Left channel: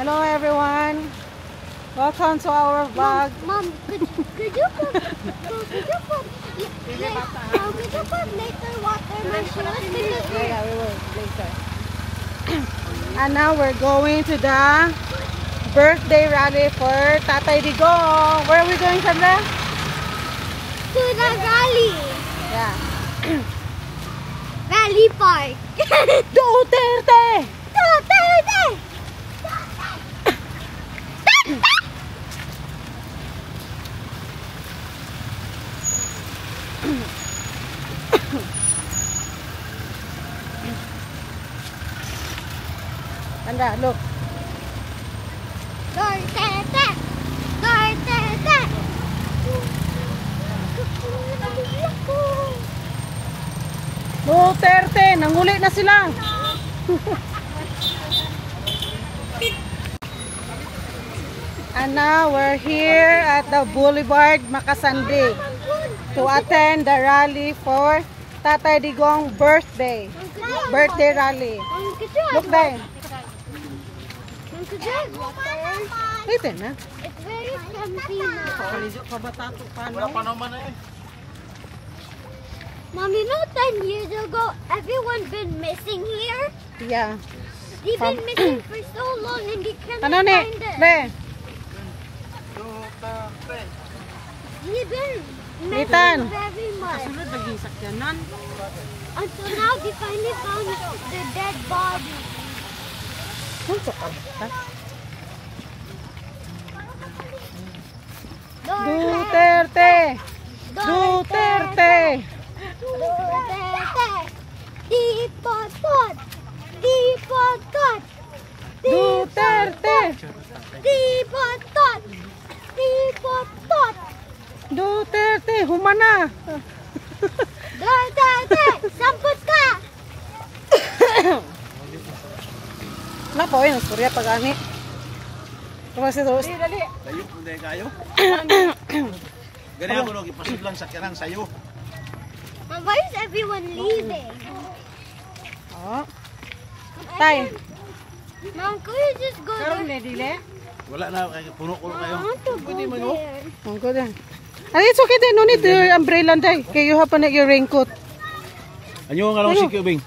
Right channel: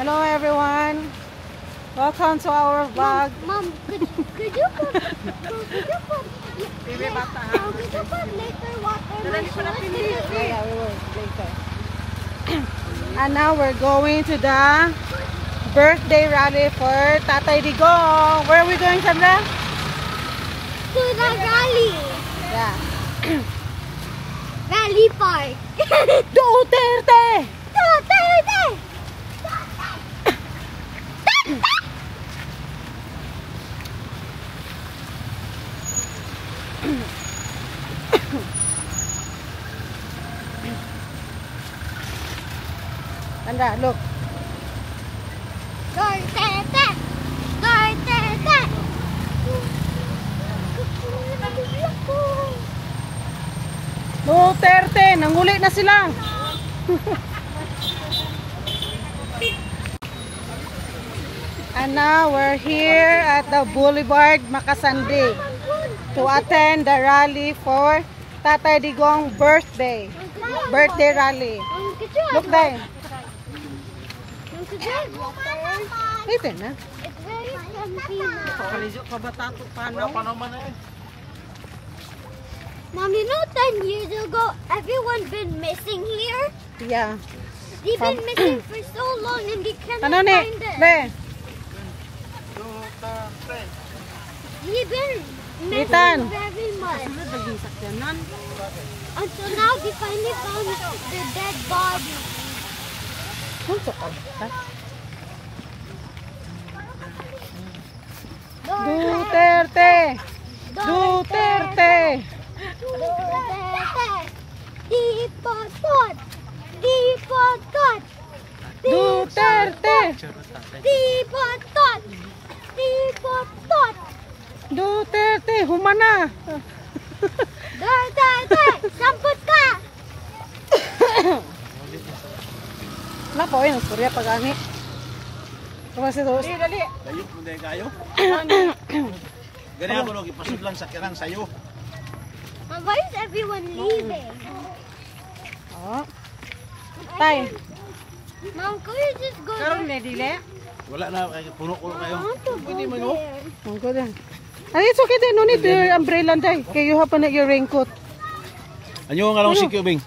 Hello everyone. Welcome to our vlog. Mom, could you put later water? Yeah, we will later. And now we're going to the birthday rally for Tatay Digong. Where are we going, Sandra? To the rally. Yeah. Rally park. Duterte! Duterte! Sandra, look. Duterte! Duterte! Duterte! Nanguli na sila. And now we're here at the Boulevard Makasandi to attend the rally for Tatay Digong birthday rally. Look there. Ito na. Mom, you know 10 years ago, everyone been missing here? Yeah. They've been missing for so long and they can't Ano ni? find them. Le. They've been Litan. missing very much. Until now, they finally found their dead body. Duterte! Duterte! Dipotod! Dipotod! Duterte! Dipotod! Dipotod! Duterte! Humana! Duterte! Samput ka! Wala po eh, masturya pag-ani. Kasi ito. Dali! Layo kung dahil kayo. Ganyan ako nung ipasod lang sa kirang sayo. But why is everyone leaving? Oh. Tay. Mom, could you just go there? Wala na, puno-puno kayo. Pwede man o. Oh, good. And it's okay then, no need your umbrella day. Okay, you have your raincoat. Ano nga nung sikyo, Bing?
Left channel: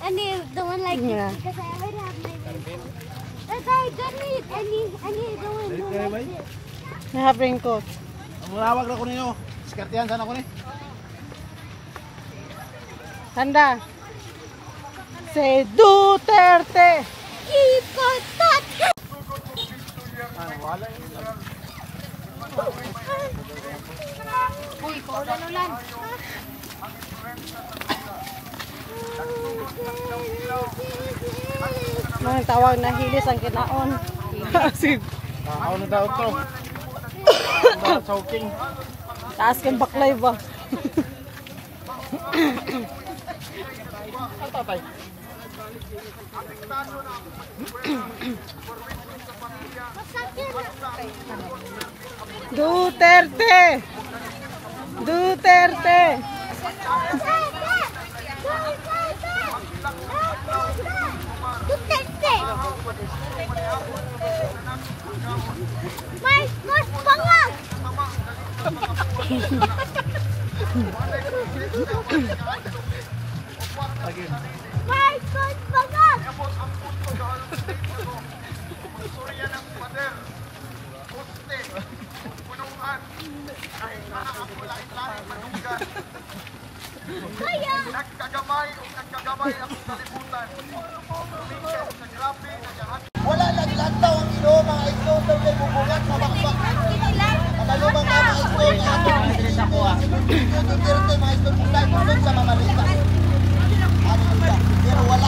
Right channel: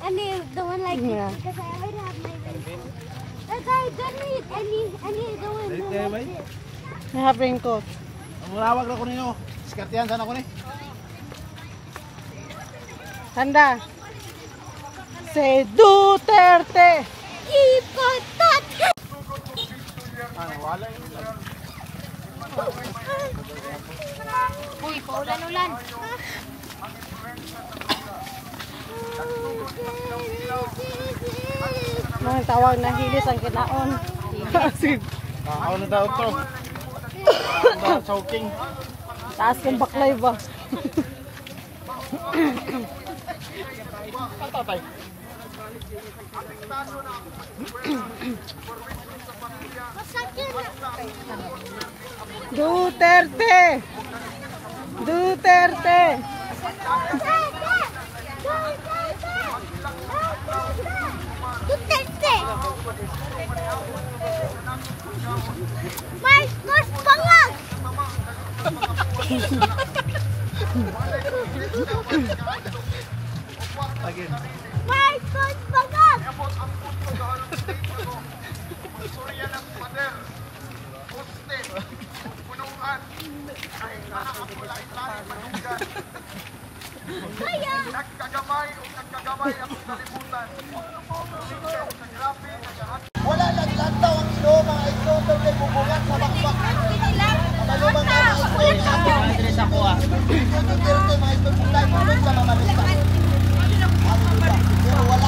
I need the one like Yeah. this because I already have my raincoat. But I don't need the one like this. I have raincoat. Ang malawag na ko ninyo. Skartihan sana ko ni. Tanda. Say Duterte! Ipotot! Uy, paulan ulan. Mga tawag na hilis ang kinaon. Sige. Ako na daw ito. Choking. Taas kang baklay ba? Ang tatay. Duterte! Duterte! Duterte! Mas bangag! Mas bangag! Kaya! Wala naglantaw ang ino, mga ito daw na bubugat sa bakbak. Kamalumang ka mga ito niya atong Duterte, mga ito punta, tulog sa mga rita. Hallelujah. Pero wala